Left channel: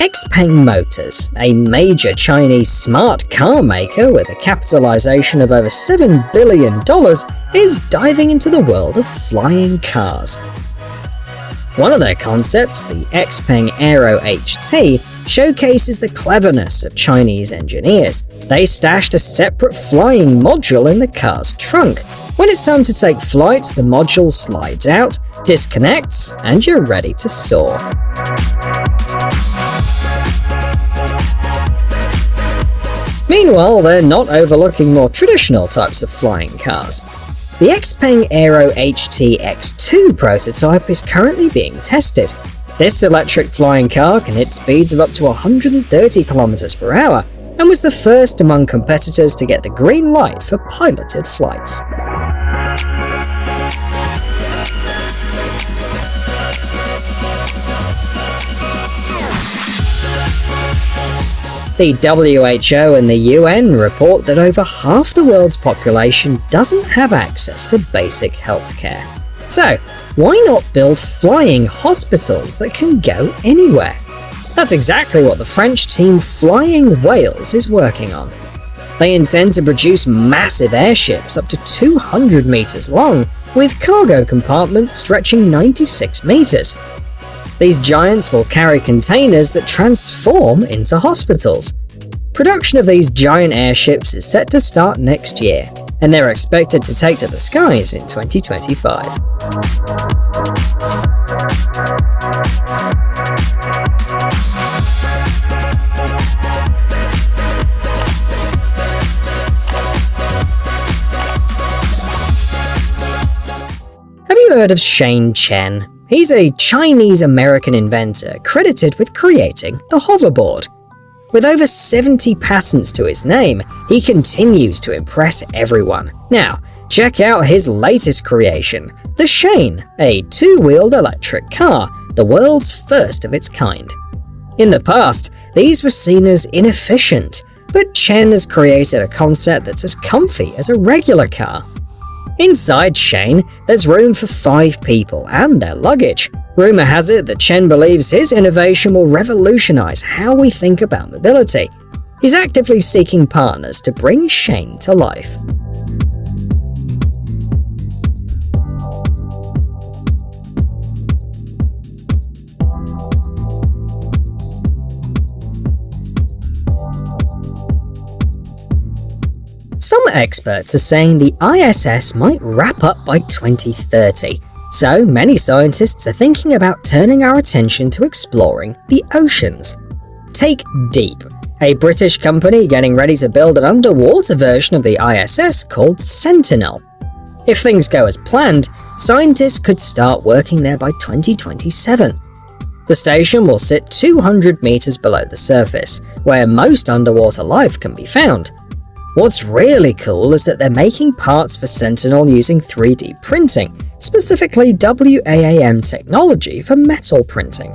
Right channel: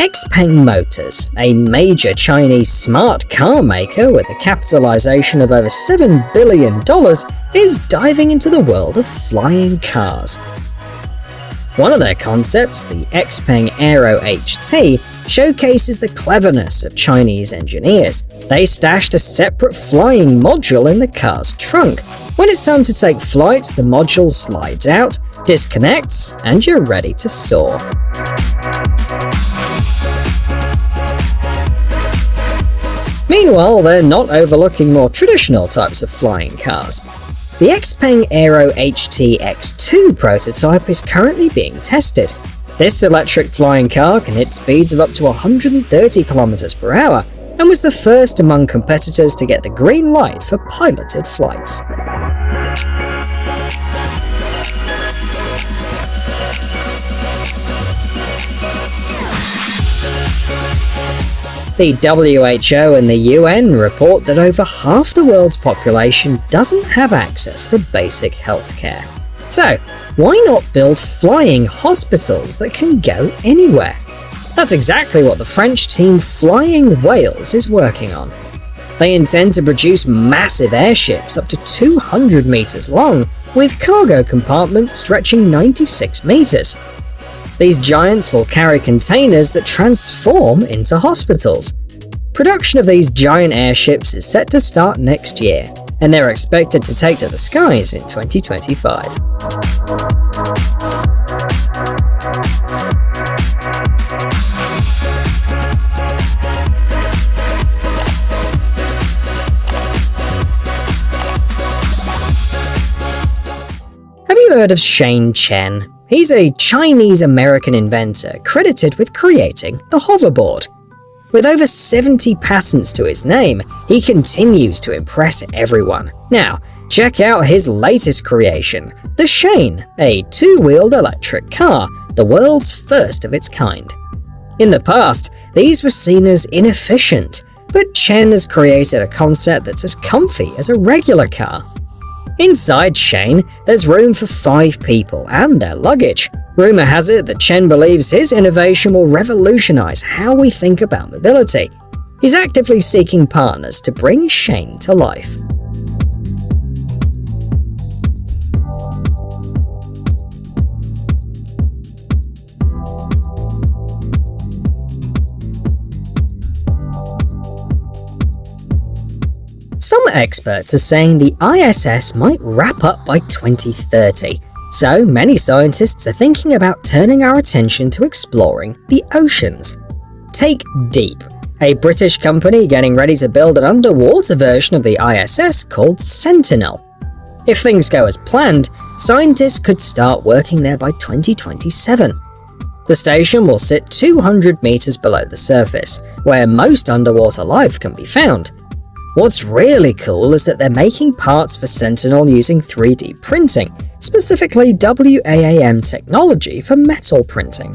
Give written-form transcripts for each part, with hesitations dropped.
Xpeng Motors, a major Chinese smart car maker with a capitalization of over $7 billion, is diving into the world of flying cars. One of their concepts, the Xpeng AeroHT, showcases the cleverness of Chinese engineers. They stashed a separate flying module in the car's trunk. When it's time to take flights, the module slides out, disconnects, and you're ready to soar. Meanwhile, they're not overlooking more traditional types of flying cars. The Xpeng AeroHT X2 prototype is currently being tested. This electric flying car can hit speeds of up to 130 km per hour and was the first among competitors to get the green light for piloted flights. The WHO and the UN report that over half the world's population doesn't have access to basic healthcare. So, why not build flying hospitals that can go anywhere? That's exactly what the French team Flying Whales is working on. They intend to produce massive airships up to 200 meters long, with cargo compartments stretching 96 meters. These giants will carry containers that transform into hospitals. Production of these giant airships is set to start next year, and they're expected to take to the skies in 2025. Have you heard of Shane Chen? He's a Chinese-American inventor credited with creating the hoverboard. With over 70 patents to his name, he continues to impress everyone. Now, check out his latest creation, the Shane, a two-wheeled electric car, the world's first of its kind. In the past, these were seen as inefficient, but Chen has created a concept that's as comfy as a regular car. Inside Shane, there's room for 5 people and their luggage. Rumor has it that Chen believes his innovation will revolutionize how we think about mobility. He's actively seeking partners to bring Shane to life. Some experts are saying the ISS might wrap up by 2030, so many scientists are thinking about turning our attention to exploring the oceans. Take Deep, a British company getting ready to build an underwater version of the ISS called Sentinel. If things go as planned, scientists could start working there by 2027. The station will sit 200 meters below the surface, where most underwater life can be found. What's really cool is that they're making parts for Sentinel using 3D printing, specifically WAAM technology for metal printing.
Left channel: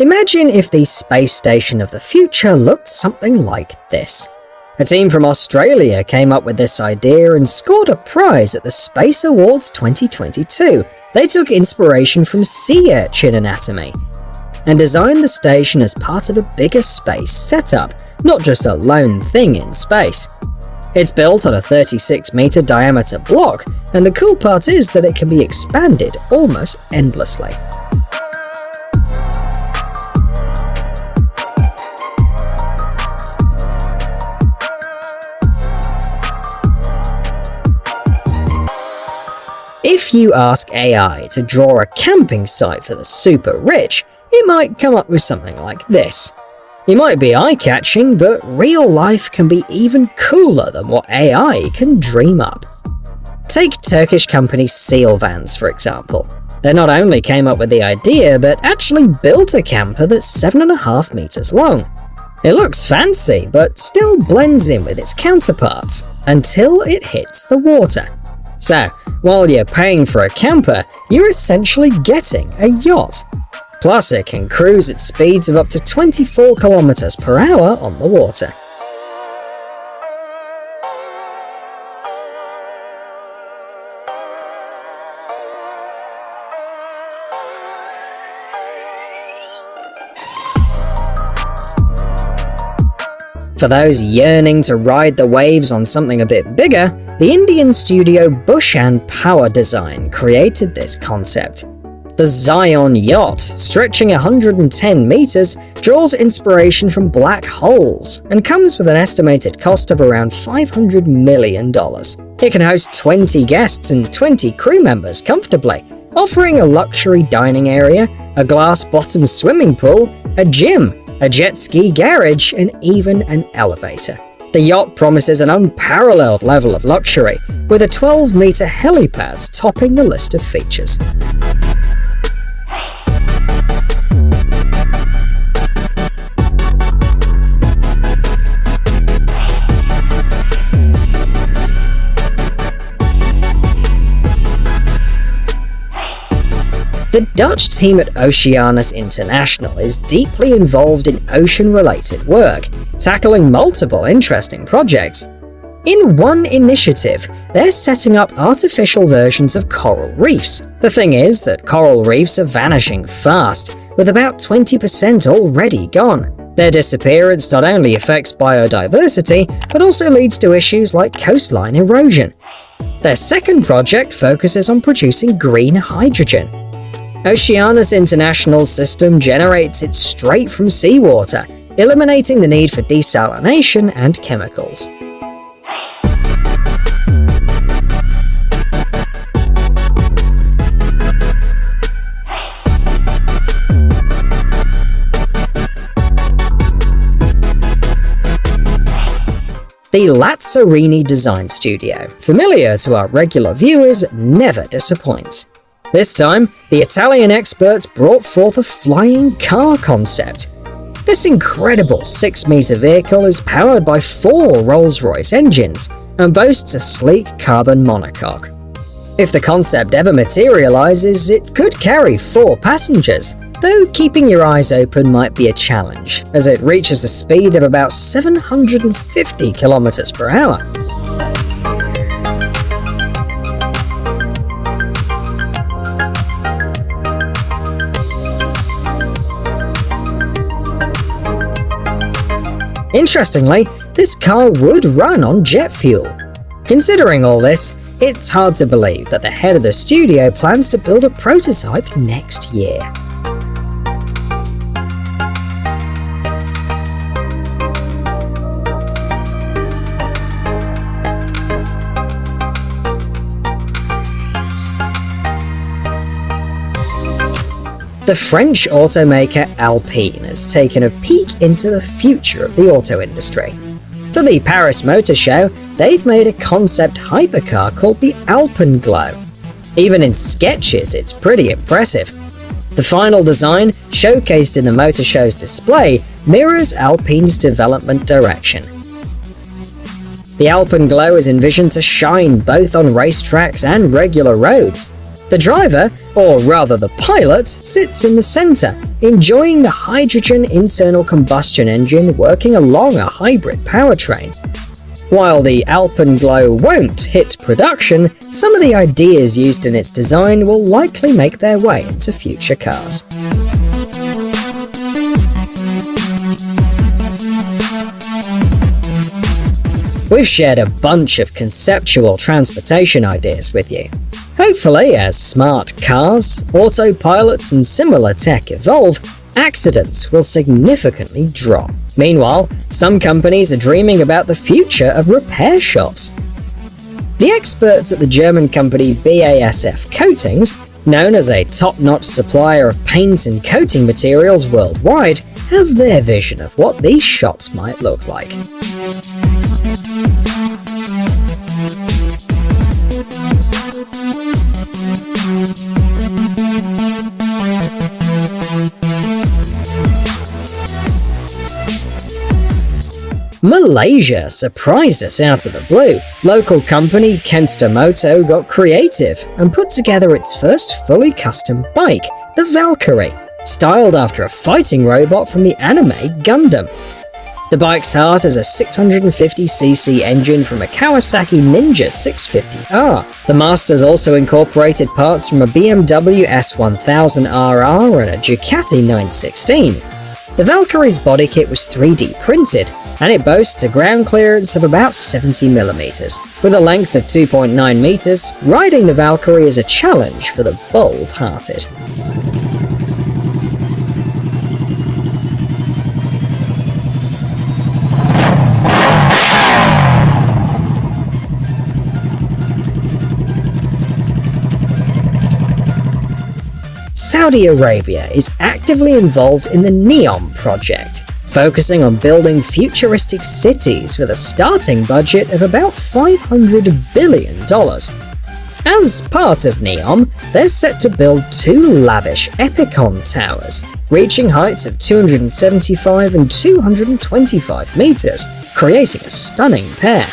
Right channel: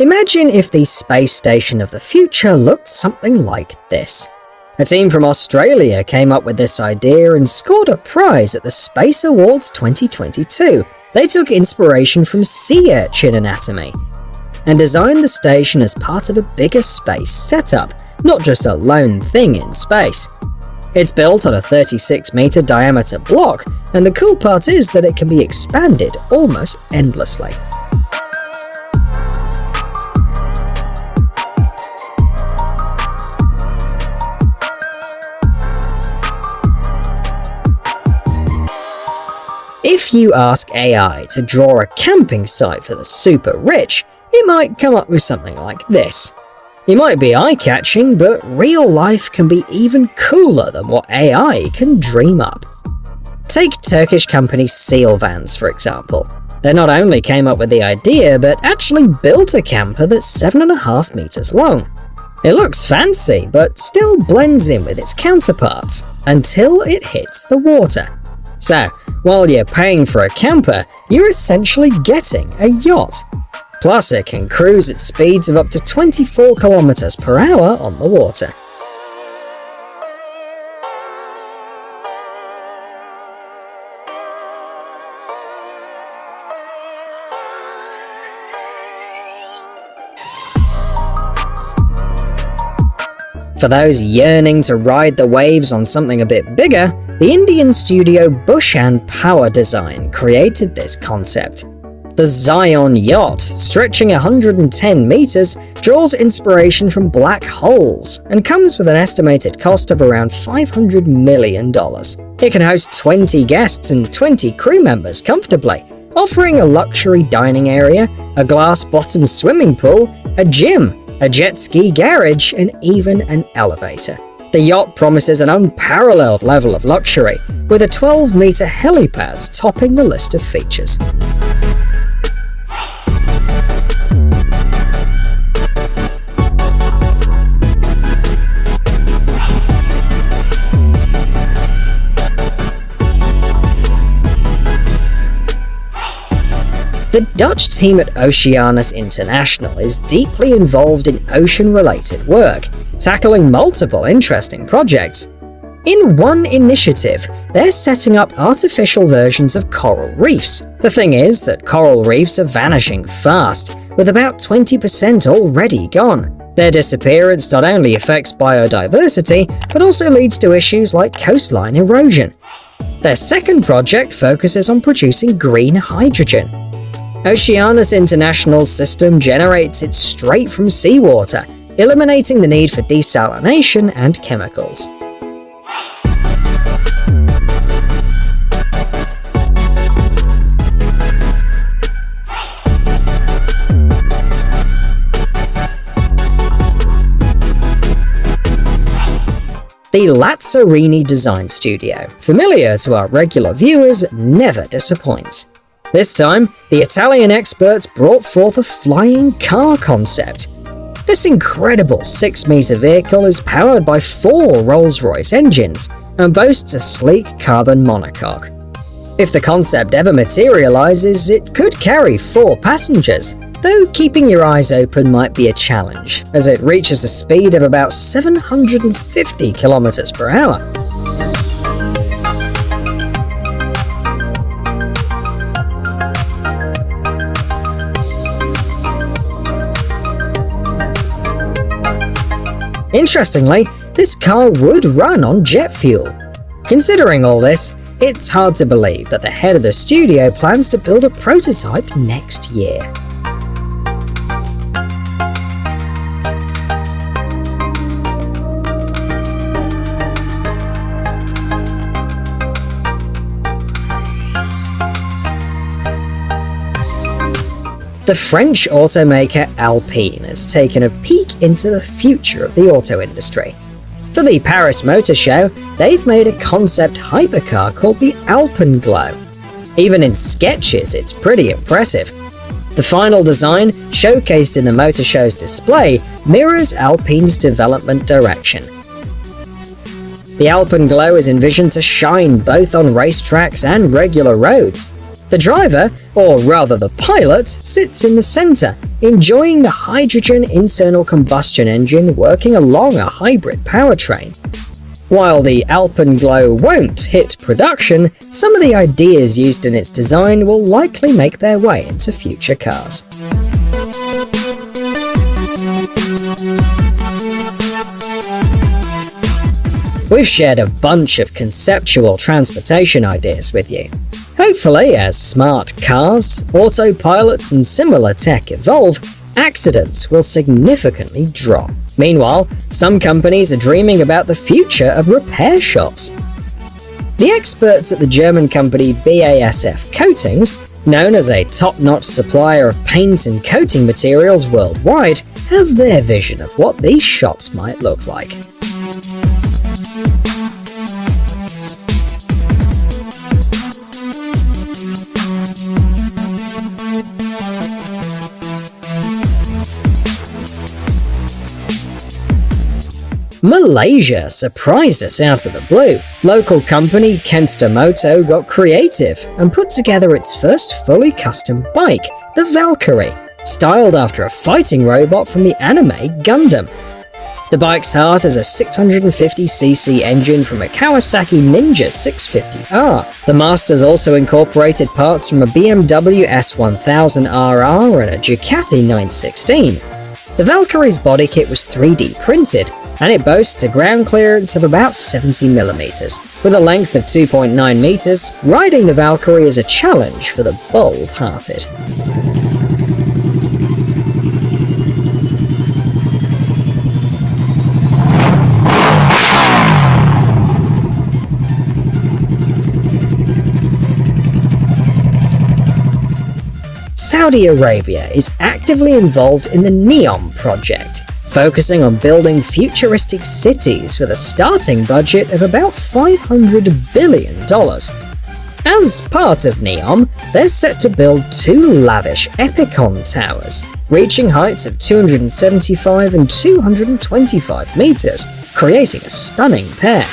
Imagine if the space station of the future looked something like this. A team from Australia came up with this idea and scored a prize at the Space Awards 2022. They took inspiration from URCHIN anatomy and designed the station as part of a bigger space setup, not just a lone thing in space. It's built on a 36-meter diameter block, and the cool part is that it can be expanded almost endlessly. If you ask AI to draw a camping site for the super rich, it might come up with something like this. It might be eye-catching, but real life can be even cooler than what AI can dream up. Take Turkish company SeaLVans, for example. They not only came up with the idea, but actually built a camper that's 7.5 meters long. It looks fancy, but still blends in with its counterparts, until it hits the water. So, while you're paying for a camper, you're essentially getting a yacht. Plus, it can cruise at speeds of up to 24 km per hour on the water. For those yearning to ride the waves on something a bit bigger, the Indian studio Bushan Power Design created this concept. The Zion yacht, stretching 110 meters, draws inspiration from black holes and comes with an estimated cost of around $500 million. It can host 20 guests and 20 crew members comfortably, offering a luxury dining area, a glass-bottom swimming pool, a gym, a jet ski garage, and even an elevator. The yacht promises an unparalleled level of luxury, with a 12-meter helipad topping the list of features. The Dutch team at Oceanus International is deeply involved in ocean-related work, tackling multiple interesting projects. In one initiative, they're setting up artificial versions of coral reefs. The thing is that coral reefs are vanishing fast, with about 20% already gone. Their disappearance not only affects biodiversity, but also leads to issues like coastline erosion. Their second project focuses on producing green hydrogen. Oceanus International's system generates it straight from seawater, eliminating the need for desalination and chemicals. The Lazzarini Design Studio, familiar to our regular viewers, never disappoints. This time, the Italian experts brought forth a flying car concept. This incredible 6-meter vehicle is powered by 4 Rolls-Royce engines and boasts a sleek carbon monocoque. If the concept ever materializes, it could carry 4 passengers, though keeping your eyes open might be a challenge, as it reaches a speed of about 750 km per hour. Interestingly, this car would run on jet fuel. Considering all this, it's hard to believe that the head of the studio plans to build a prototype next year. The French automaker Alpine has taken a peek into the future of the auto industry. For the Paris Motor Show, they've made a concept hypercar called the Alpenglow. Even in sketches, it's pretty impressive. The final design, showcased in the Motor Show's display, mirrors Alpine's development direction. The Alpenglow is envisioned to shine both on racetracks and regular roads. The driver, or rather the pilot, sits in the center, enjoying the hydrogen internal combustion engine working along a hybrid powertrain. While the Alpenglow won't hit production, some of the ideas used in its design will likely make their way into future cars. We've shared a bunch of conceptual transportation ideas with you. Hopefully, as smart cars, autopilots, and similar tech evolve, accidents will significantly drop. Meanwhile, some companies are dreaming about the future of repair shops. The experts at the German company BASF Coatings, known as a top-notch supplier of paint and coating materials worldwide, have their vision of what these shops might look like. Malaysia surprised us out of the blue. Local company Kenstamoto got creative and put together its first fully custom bike, the Valkyrie. styled after a fighting robot from the anime Gundam. The bike's heart has a 650cc engine from a Kawasaki Ninja 650R. The Master's also incorporated parts from a BMW S1000RR and a Ducati 916. The Valkyrie's body kit was 3D printed, and it boasts a ground clearance of about 70mm. With a length of 2.9 meters, riding the Valkyrie is a challenge for the bold-hearted. Saudi Arabia is actively involved in the NEOM project, focusing on building futuristic cities with a starting budget of about $500 billion. As part of NEOM, they're set to build 2 lavish Epicon towers, reaching heights of 275 and 225 meters, creating a stunning pair.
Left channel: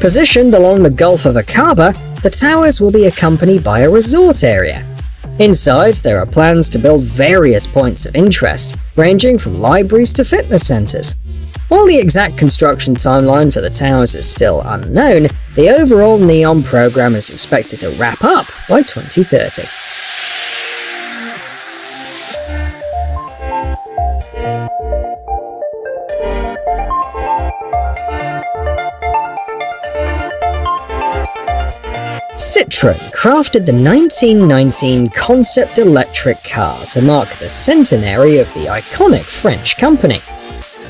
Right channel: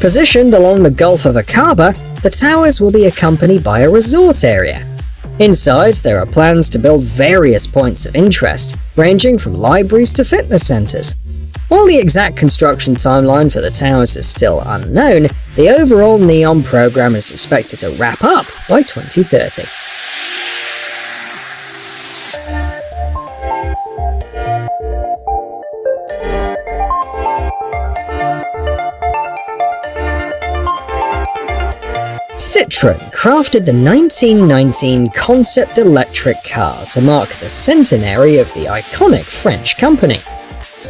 Positioned along the Gulf of Aqaba, the towers will be accompanied by a resort area. Inside, there are plans to build various points of interest, ranging from libraries to fitness centers. While the exact construction timeline for the towers is still unknown, the overall NEOM program is expected to wrap up by 2030. Citroën crafted the 1919 concept electric car to mark the centenary of the iconic French company.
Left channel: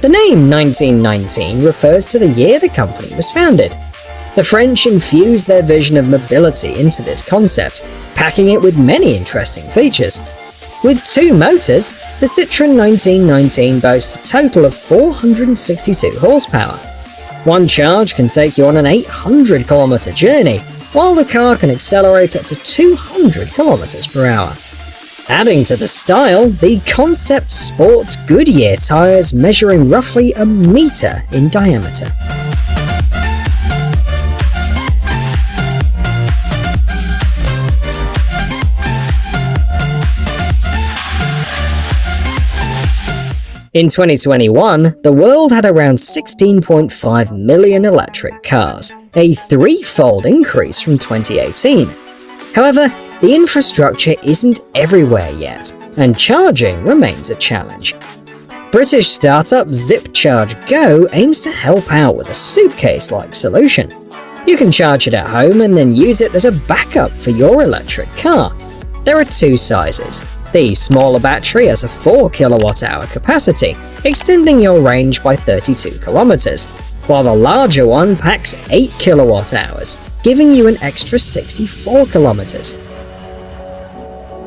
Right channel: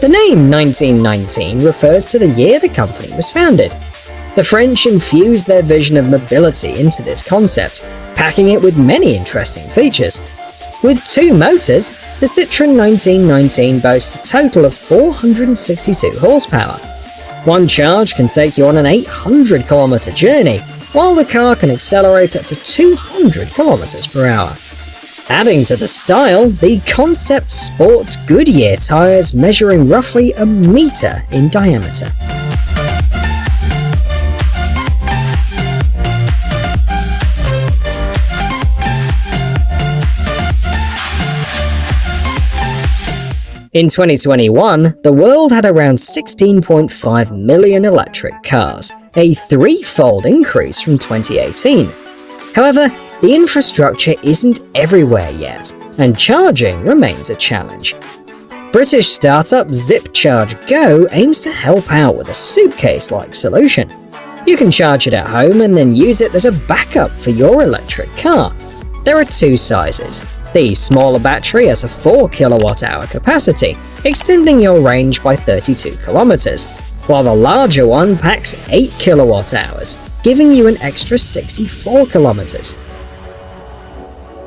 The name 1919 refers to the year the company was founded. The French infused their vision of mobility into this concept, packing it with many interesting features. With 2 motors, the Citroën 1919 boasts a total of 462 horsepower. One charge can take you on an 800-kilometer journey, while the car can accelerate up to 200 kilometers per hour. Adding to the style, the concept sports Goodyear tires measuring roughly a meter in diameter. In 2021, the world had around 16.5 million electric cars, a 3-fold increase from 2018. However, the infrastructure isn't everywhere yet, and charging remains a challenge. British startup ZipCharge aims to help out with a suitcase-like solution. You can charge it at home and then use it as a backup for your electric car. There are 2 sizes. The smaller battery has a 4 kWh capacity, extending your range by 32 kilometers, while the larger one packs 8 kWh, giving you an extra 64 kilometers.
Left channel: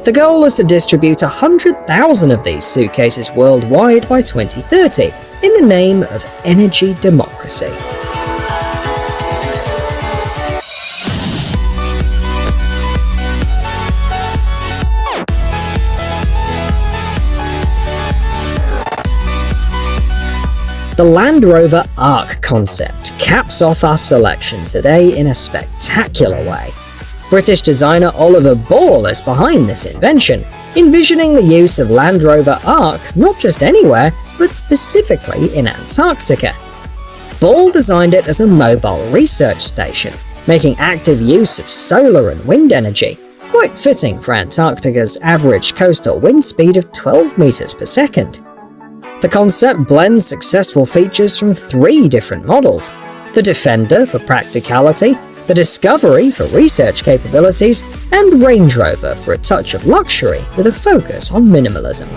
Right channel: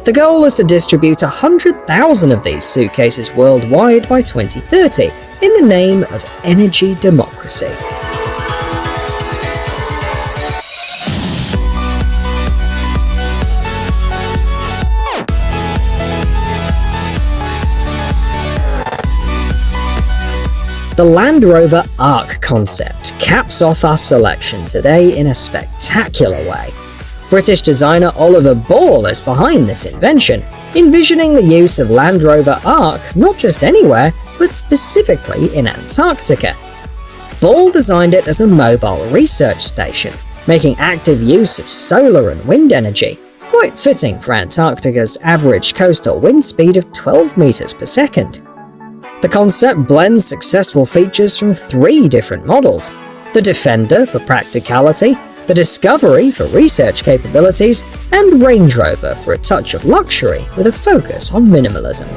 The goal is to distribute 100,000 of these suitcases worldwide by 2030 in the name of energy democracy. The Land Rover Arc concept caps off our selection today in a spectacular way. British designer Oliver Ball is behind this invention, envisioning the use of Land Rover Arc not just anywhere, but specifically in Antarctica. Ball designed it as a mobile research station, making active use of solar and wind energy, quite fitting for Antarctica's average coastal wind speed of 12 meters per second. The concept blends successful features from 3 different models: the Defender for practicality, the Discovery for research capabilities, and Range Rover for a touch of luxury with a focus on minimalism.